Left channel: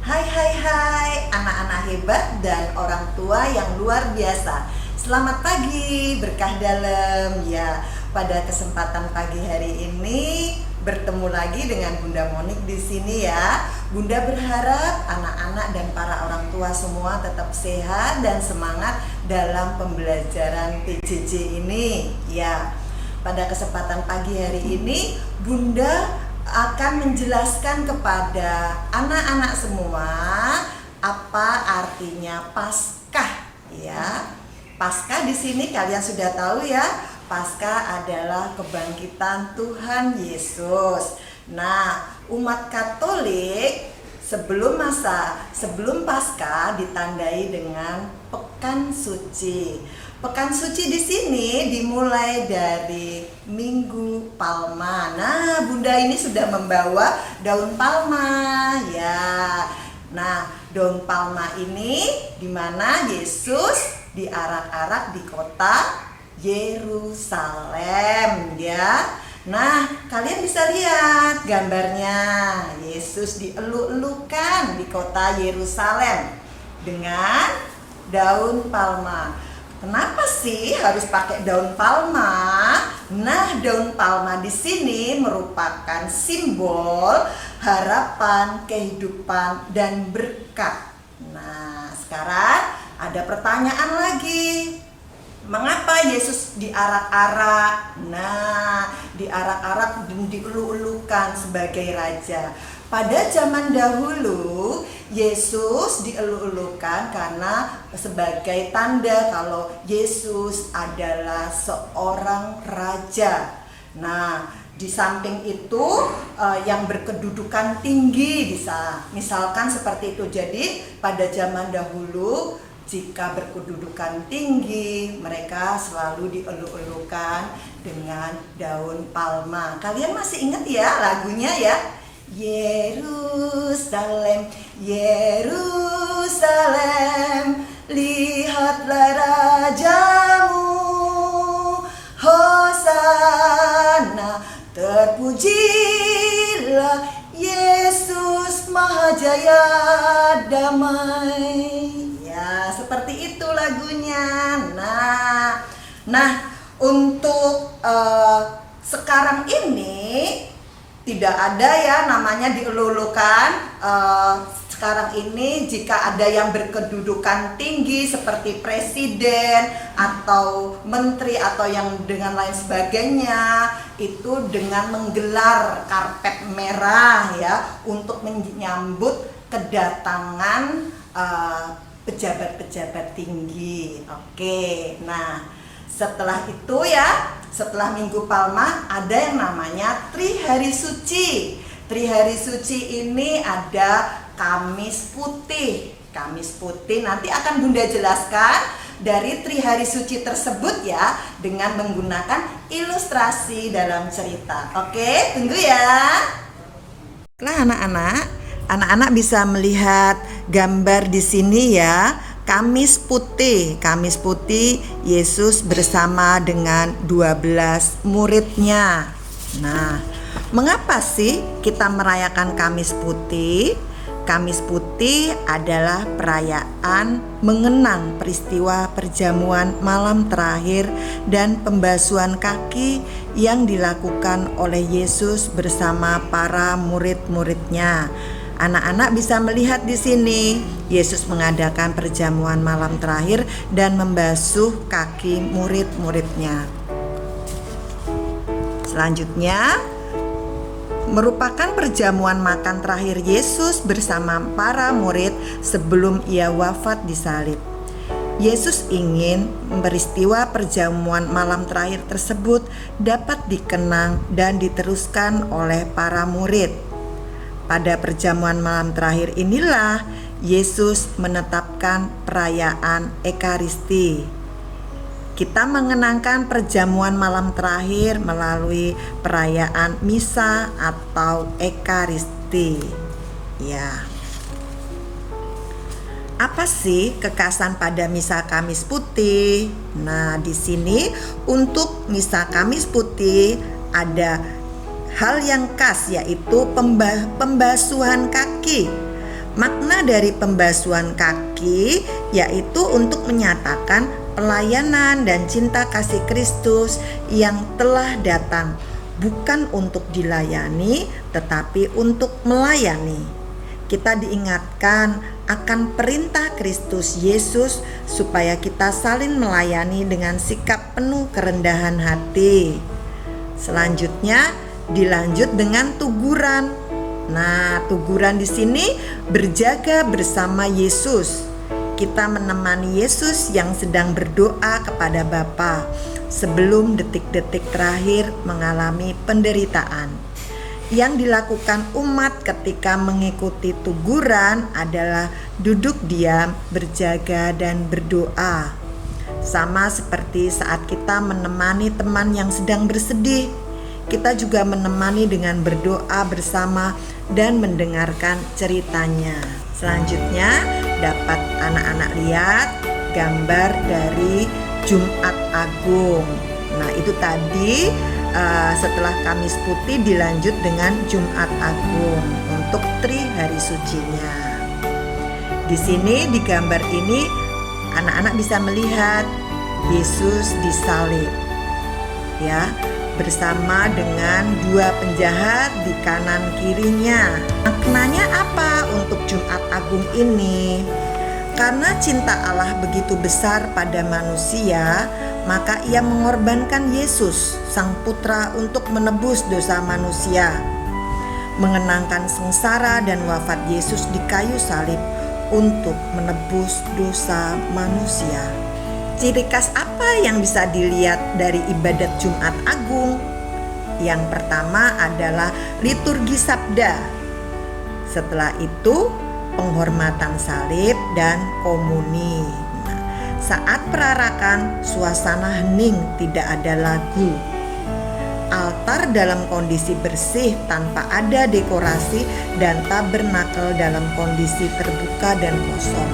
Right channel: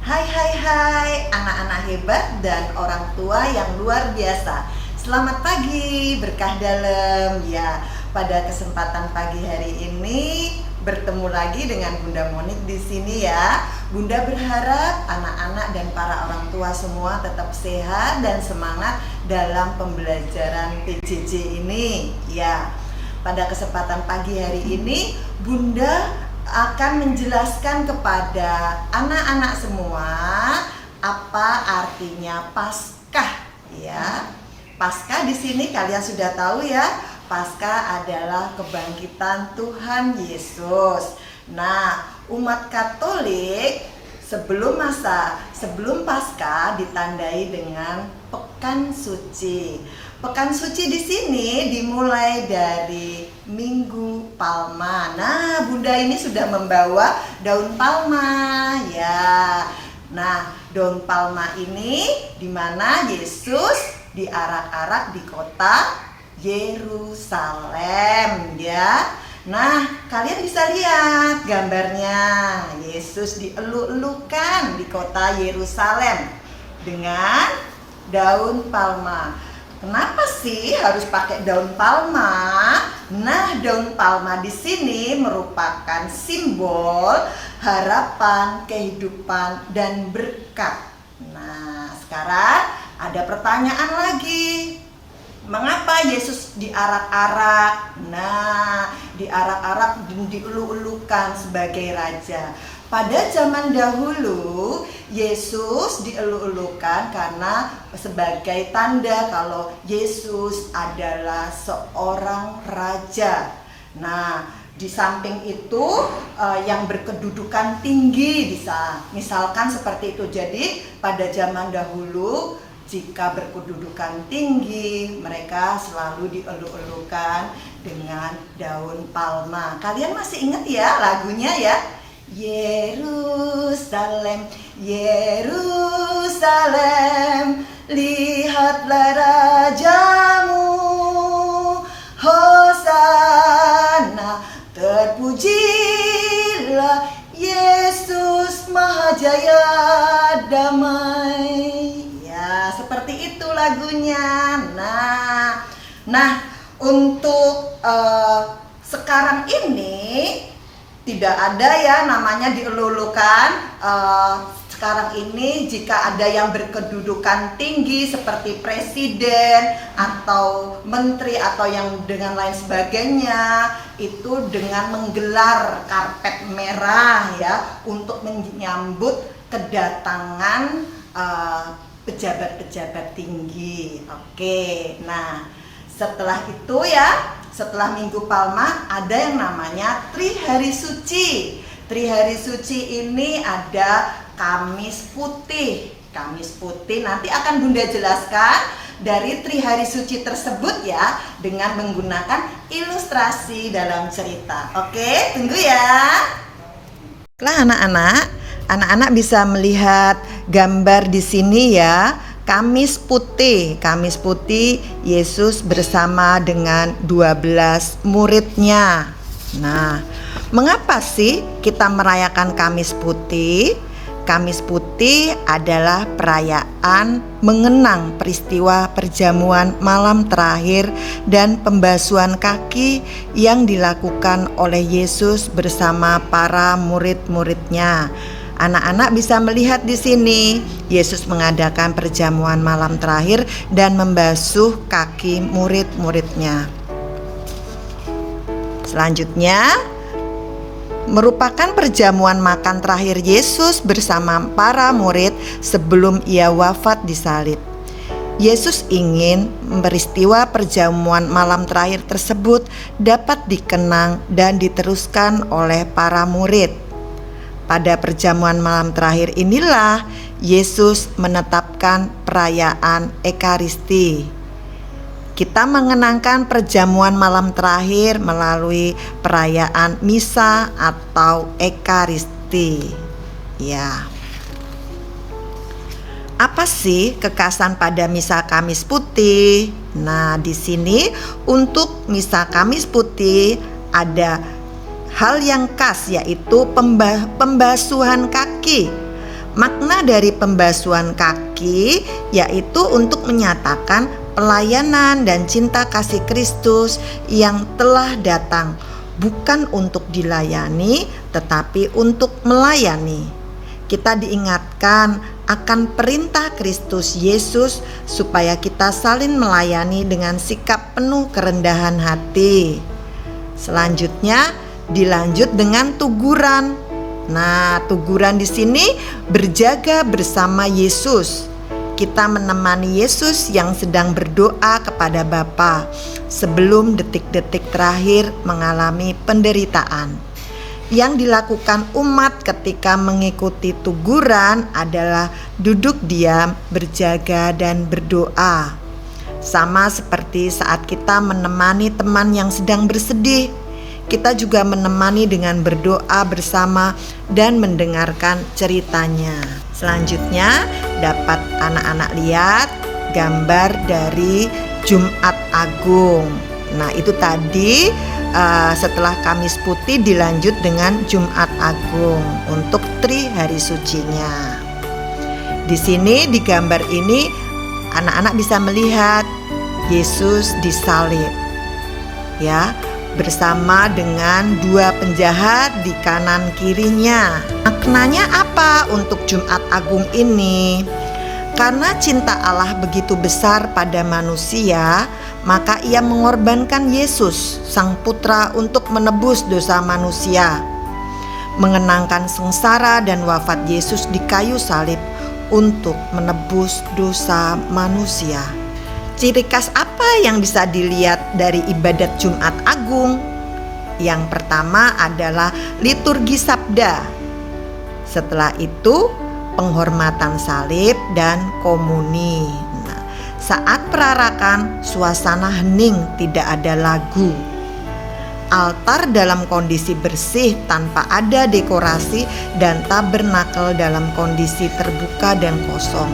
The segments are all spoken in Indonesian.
Hai anak-anak hebat dan orang tua yang luar biasa. Selamat pagi, berkah dalam. Ya, pada kesempatan pagi hari ini bertemu lagi dengan Bunda Monik di sini ya. Bunda berharap anak-anak dan para orang tua semua tetap sehat dan semangat dalam pembelajaran PJJ ini. Ya, pada kesempatan pagi hari ini Bunda akan menjelaskan kepada anak-anak semua apa artinya Paskah ya. Paskah di sini kalian sudah tahu ya. Paskah adalah kebangkitan Tuhan Yesus. Nah, umat Katolik sebelum Paskah ditandai dengan Pekan Suci. Pekan Suci di sini dimulai dari Minggu Palma. Nah, Bunda ini sudah membawa daun palma ya. Nah, daun palma ini dimana Yesus diarak-arak di kota Yerusalem ya. Nah, kalian bisa lihat gambarnya. Yesus dieluk-elukan di kota Yerusalem dengan daun palma. Kenapa sih harus pakai daun palma? Nah, daun palma di sini merupakan simbol harapan, kehidupan, dan berkat. Nah, sekarang ada pertanyaan lagi. Mengapa Yesus diarak-arak? Nah, diarak-arak dan dieluk-elukan sebagai raja. Pada zaman dahulu, Yesus dieluk-elukan karena sebagai tanda kalau Yesus adalah seorang raja. Nah, di samping itu yang berkedudukan tinggi bisa, misalkan seperti itu. Jadi pada zaman dahulu jika berkedudukan tinggi, mereka selalu dieluk-elukan dengan daun palma. Kalian masih ingat ya lagunya ya? Yerusalem, Yerusalem, lihatlah rajamu. Hosana, terpujilah Yesus Mahajaya damai. Ya, seperti itu lagunya. Nah, untuk sekarang ini tidak ada ya namanya dielulukan. Sekarang ini jika ada yang berkedudukan tinggi seperti presiden atau menteri atau yang dengan lain sebagainya, itu dengan menggelar karpet merah ya untuk menyambut kedatangan pejabat-pejabat tinggi. Oke, nah setelah itu ya, setelah Minggu Palma ada yang namanya Trihari Suci. Trihari Suci ini ada Kamis Putih. Kamis Putih nanti akan Bunda jelaskan dari Trihari Suci tersebut ya dengan menggunakan ilustrasi dalam cerita. Oke, tunggu ya. Lah anak-anak bisa melihat gambar di sini ya. Kamis Putih Yesus bersama dengan 12 muridnya. Nah, mengapa sih kita merayakan Kamis Putih? Kamis Putih adalah perayaan mengenang peristiwa perjamuan malam terakhir dan pembasuhan kaki yang dilakukan oleh Yesus bersama para murid-muridnya. Anak-anak bisa melihat di sini Yesus mengadakan perjamuan malam terakhir dan membasuh kaki murid-muridnya. Selanjutnya merupakan perjamuan makan terakhir Yesus bersama para murid sebelum ia wafat disalib. Yesus ingin peristiwa perjamuan malam terakhir tersebut dapat dikenang dan diteruskan oleh para murid. Pada perjamuan malam terakhir inilah Yesus menetapkan perayaan Ekaristi. Kita mengenangkan perjamuan malam terakhir melalui perayaan Misa atau Ekaristi. Ya. Apa sih kekhasan pada Misa Kamis Putih? Nah, di sini untuk Misa Kamis Putih ada hal yang khas, yaitu pembasuhan kaki. Makna dari pembasuhan kaki yaitu untuk menyatakan pelayanan dan cinta kasih Kristus yang telah datang, bukan untuk dilayani tetapi untuk melayani. Kita diingatkan akan perintah Kristus Yesus supaya kita saling melayani dengan sikap penuh kerendahan hati. Selanjutnya dilanjut dengan tuguran. Nah, tuguran di sini berjaga bersama Yesus. Kita menemani Yesus yang sedang berdoa kepada Bapa sebelum detik-detik terakhir mengalami penderitaan. Yang dilakukan umat ketika mengikuti tuguran adalah duduk diam, berjaga, dan berdoa. Sama seperti saat kita menemani teman yang sedang bersedih, kita juga menemani dengan berdoa bersama dan mendengarkan ceritanya. Selanjutnya dapat anak-anak lihat gambar dari Jumat Agung. Nah, itu tadi setelah Kamis Putih dilanjut dengan Jumat Agung untuk Tri Hari Sucinya. Di sini di gambar ini anak-anak bisa melihat Yesus disalib, ya, bersama dengan dua penjahat di kanan kirinya. Maknanya apa untuk Jumat Agung ini? Karena cinta Allah begitu besar pada manusia, maka ia mengorbankan Yesus, Sang Putra, untuk menebus dosa manusia. Mengenangkan sengsara dan wafat Yesus di kayu salib untuk menebus dosa manusia. Ciri khas apa yang bisa dilihat dari ibadat Jumat Agung? Yang pertama adalah liturgi sabda. Setelah itu penghormatan salib dan komuni. Saat perarakan, suasana hening, tidak ada lagu. Altar dalam kondisi bersih tanpa ada dekorasi dan tabernakel dalam kondisi terbuka dan kosong.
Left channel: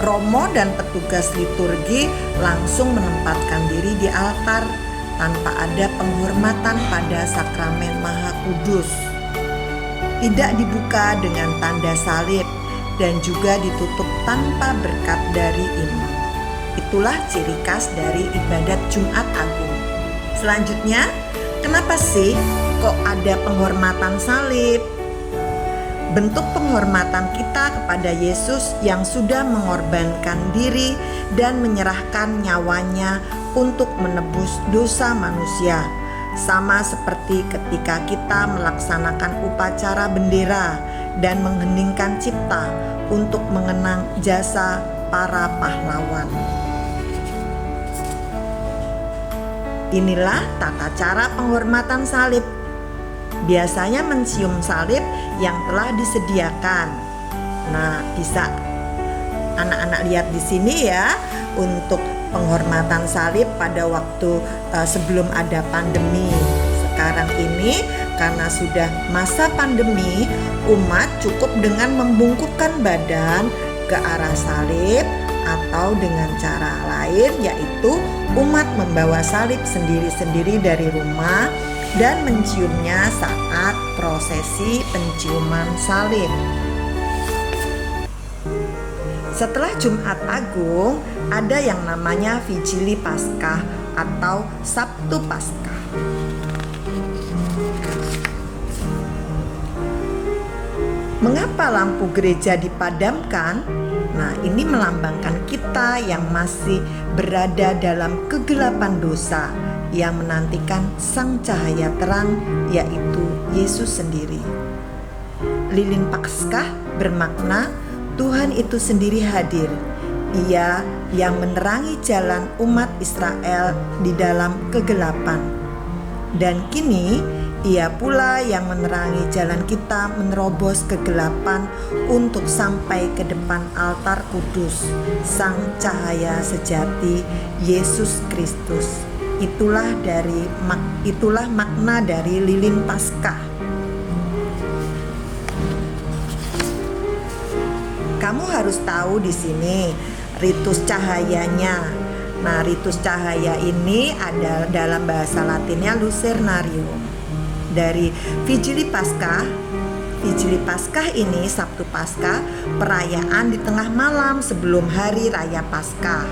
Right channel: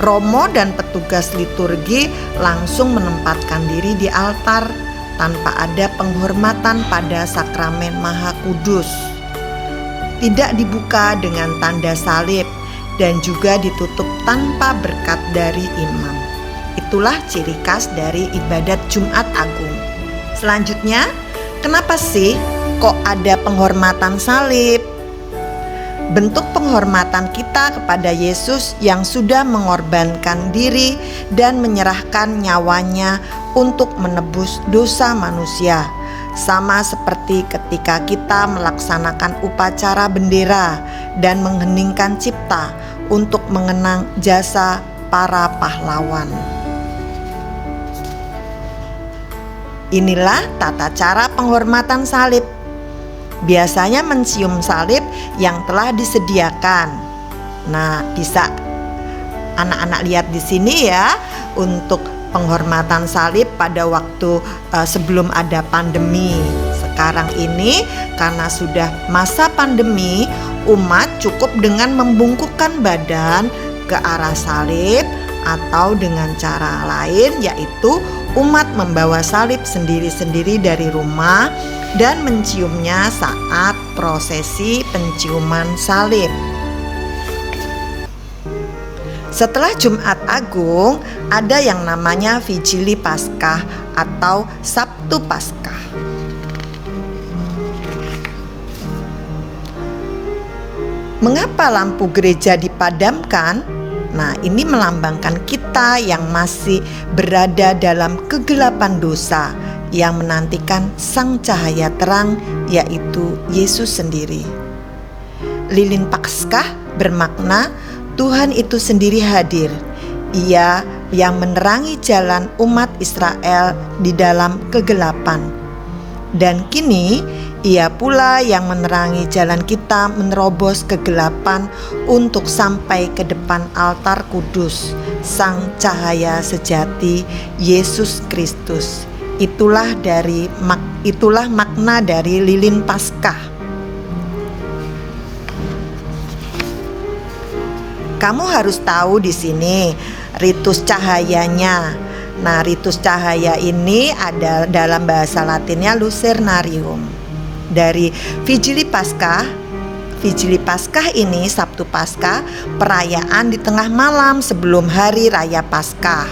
Romo dan petugas liturgi langsung menempatkan diri di altar tanpa ada penghormatan pada sakramen Maha Kudus. Tidak dibuka dengan tanda salib dan juga ditutup tanpa berkat dari imam. Itulah ciri khas dari ibadat Jumat Agung. Selanjutnya, kenapa sih kok ada penghormatan salib? Bentuk penghormatan kita kepada Yesus yang sudah mengorbankan diri dan menyerahkan nyawanya untuk menebus dosa manusia. Sama seperti ketika kita melaksanakan upacara bendera dan mengheningkan cipta untuk mengenang jasa para pahlawan. Inilah tata cara penghormatan salib. Biasanya mencium salib yang telah disediakan. Nah, bisa anak-anak lihat di sini ya, untuk penghormatan salib pada waktu sebelum ada pandemi. Sekarang ini karena sudah masa pandemi, umat cukup dengan membungkukkan badan ke arah salib atau dengan cara lain, yaitu umat membawa salib sendiri-sendiri dari rumah dan menciumnya saat prosesi penciuman salib. Setelah Jumat Agung, ada yang namanya Vigili Paskah atau Sabtu Paskah. Mengapa lampu gereja dipadamkan? Nah, ini melambangkan kita yang masih berada dalam kegelapan dosa, yang menantikan sang cahaya terang, yaitu Yesus sendiri. Lilin Paskah bermakna Tuhan itu sendiri hadir. Ia yang menerangi jalan umat Israel di dalam kegelapan. Dan kini Ia pula yang menerangi jalan kita menerobos kegelapan untuk sampai ke depan altar kudus, Sang Cahaya Sejati, Yesus Kristus. Itulah makna dari lilin Paskah. Kamu harus tahu di sini ritus cahayanya. Nah, ritus cahaya ini ada dalam bahasa Latinnya lucernarium. Dari Vigili Paskah, Vigili Paskah ini, Sabtu Paskah, perayaan di tengah malam sebelum hari raya Paskah.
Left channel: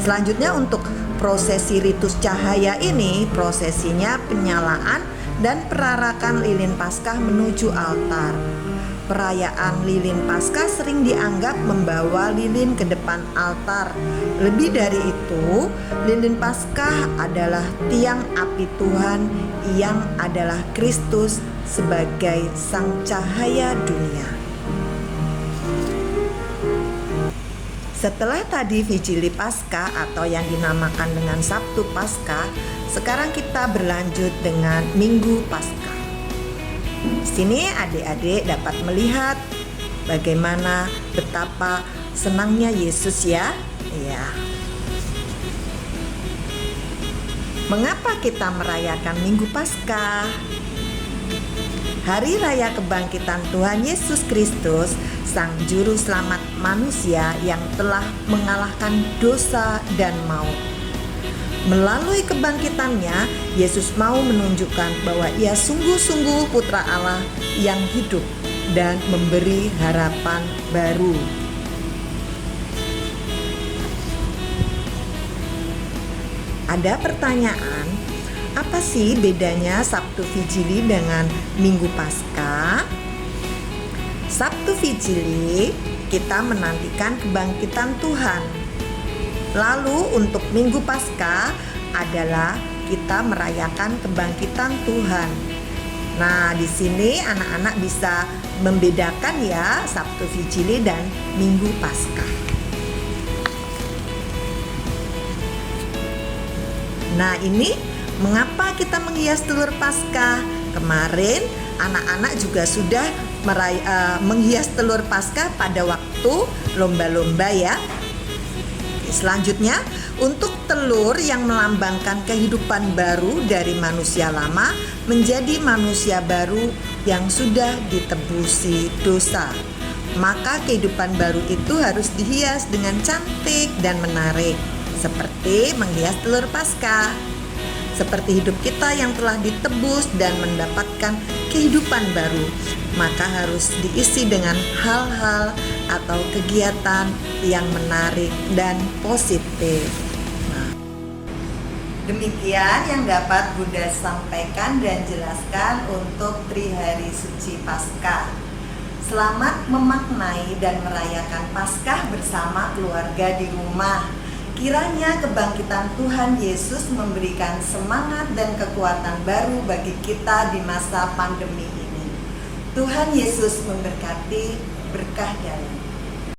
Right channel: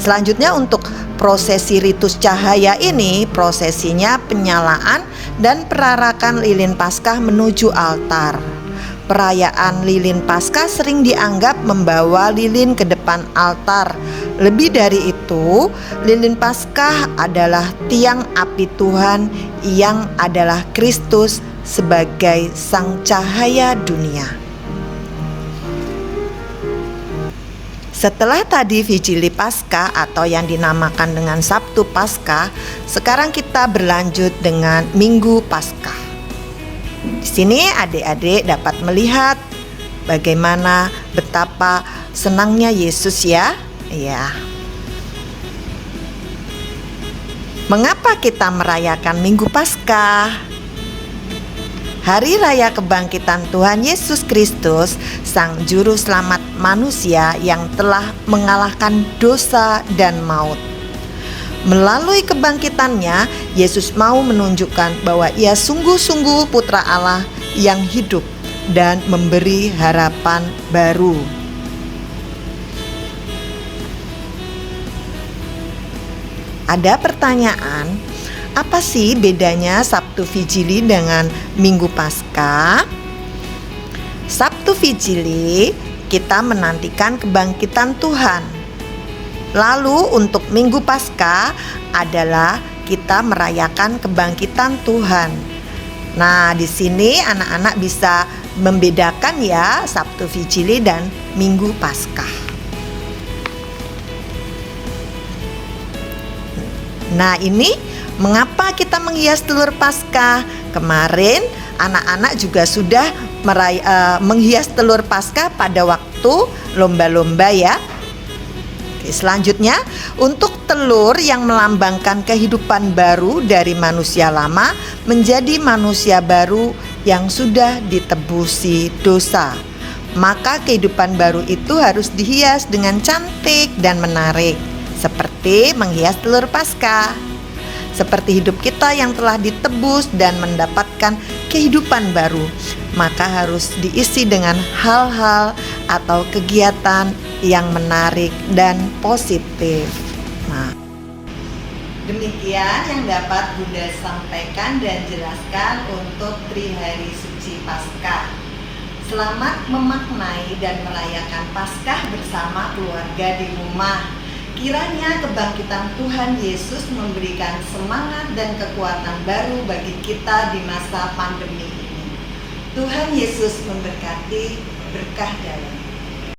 Selanjutnya untuk prosesi ritus cahaya ini, prosesinya penyalaan dan perarakan lilin Paskah menuju altar. Perayaan lilin Paskah sering dianggap membawa lilin ke depan altar. Lebih dari itu, lilin Paskah adalah tiang api Tuhan yang adalah Kristus sebagai sang cahaya dunia. Setelah tadi Vigili Paskah atau yang dinamakan dengan Sabtu Paskah, sekarang kita berlanjut dengan Minggu Paskah. Di sini adik-adik dapat melihat bagaimana betapa senangnya Yesus ya. Ya. Mengapa kita merayakan Minggu Paskah? Hari Raya Kebangkitan Tuhan Yesus Kristus, Sang Juru Selamat manusia yang telah mengalahkan dosa dan maut. Melalui kebangkitannya, Yesus mau menunjukkan bahwa Ia sungguh-sungguh Putra Allah yang hidup dan memberi harapan baru. Ada pertanyaan, apa sih bedanya Sabtu Vigili dengan Minggu Paskah? Sabtu Vigili kita menantikan kebangkitan Tuhan. Lalu untuk Minggu Paskah adalah kita merayakan kebangkitan Tuhan. Nah, di sini anak-anak bisa membedakan ya Sabtu Vigili dan Minggu Paskah. Nah, ini mengapa kita menghias telur Paskah? Kemarin anak-anak juga sudah menghias telur Paskah pada waktu lomba-lomba ya. Selanjutnya, untuk telur yang melambangkan kehidupan baru dari manusia lama menjadi manusia baru yang sudah ditebusi dosa. Maka kehidupan baru itu harus dihias dengan cantik dan menarik, seperti menghias telur Paskah. Seperti hidup kita yang telah ditebus dan mendapatkan kehidupan baru, maka harus diisi dengan hal-hal atau kegiatan yang menarik dan positif. Nah, demikian yang dapat Bunda sampaikan dan jelaskan untuk Trihari Suci Paskah. Selamat memaknai dan merayakan Paskah bersama keluarga di rumah. Kiranya kebangkitan Tuhan Yesus memberikan semangat dan kekuatan baru bagi kita di masa pandemi ini. Tuhan Yesus memberkati. Berkah dalam.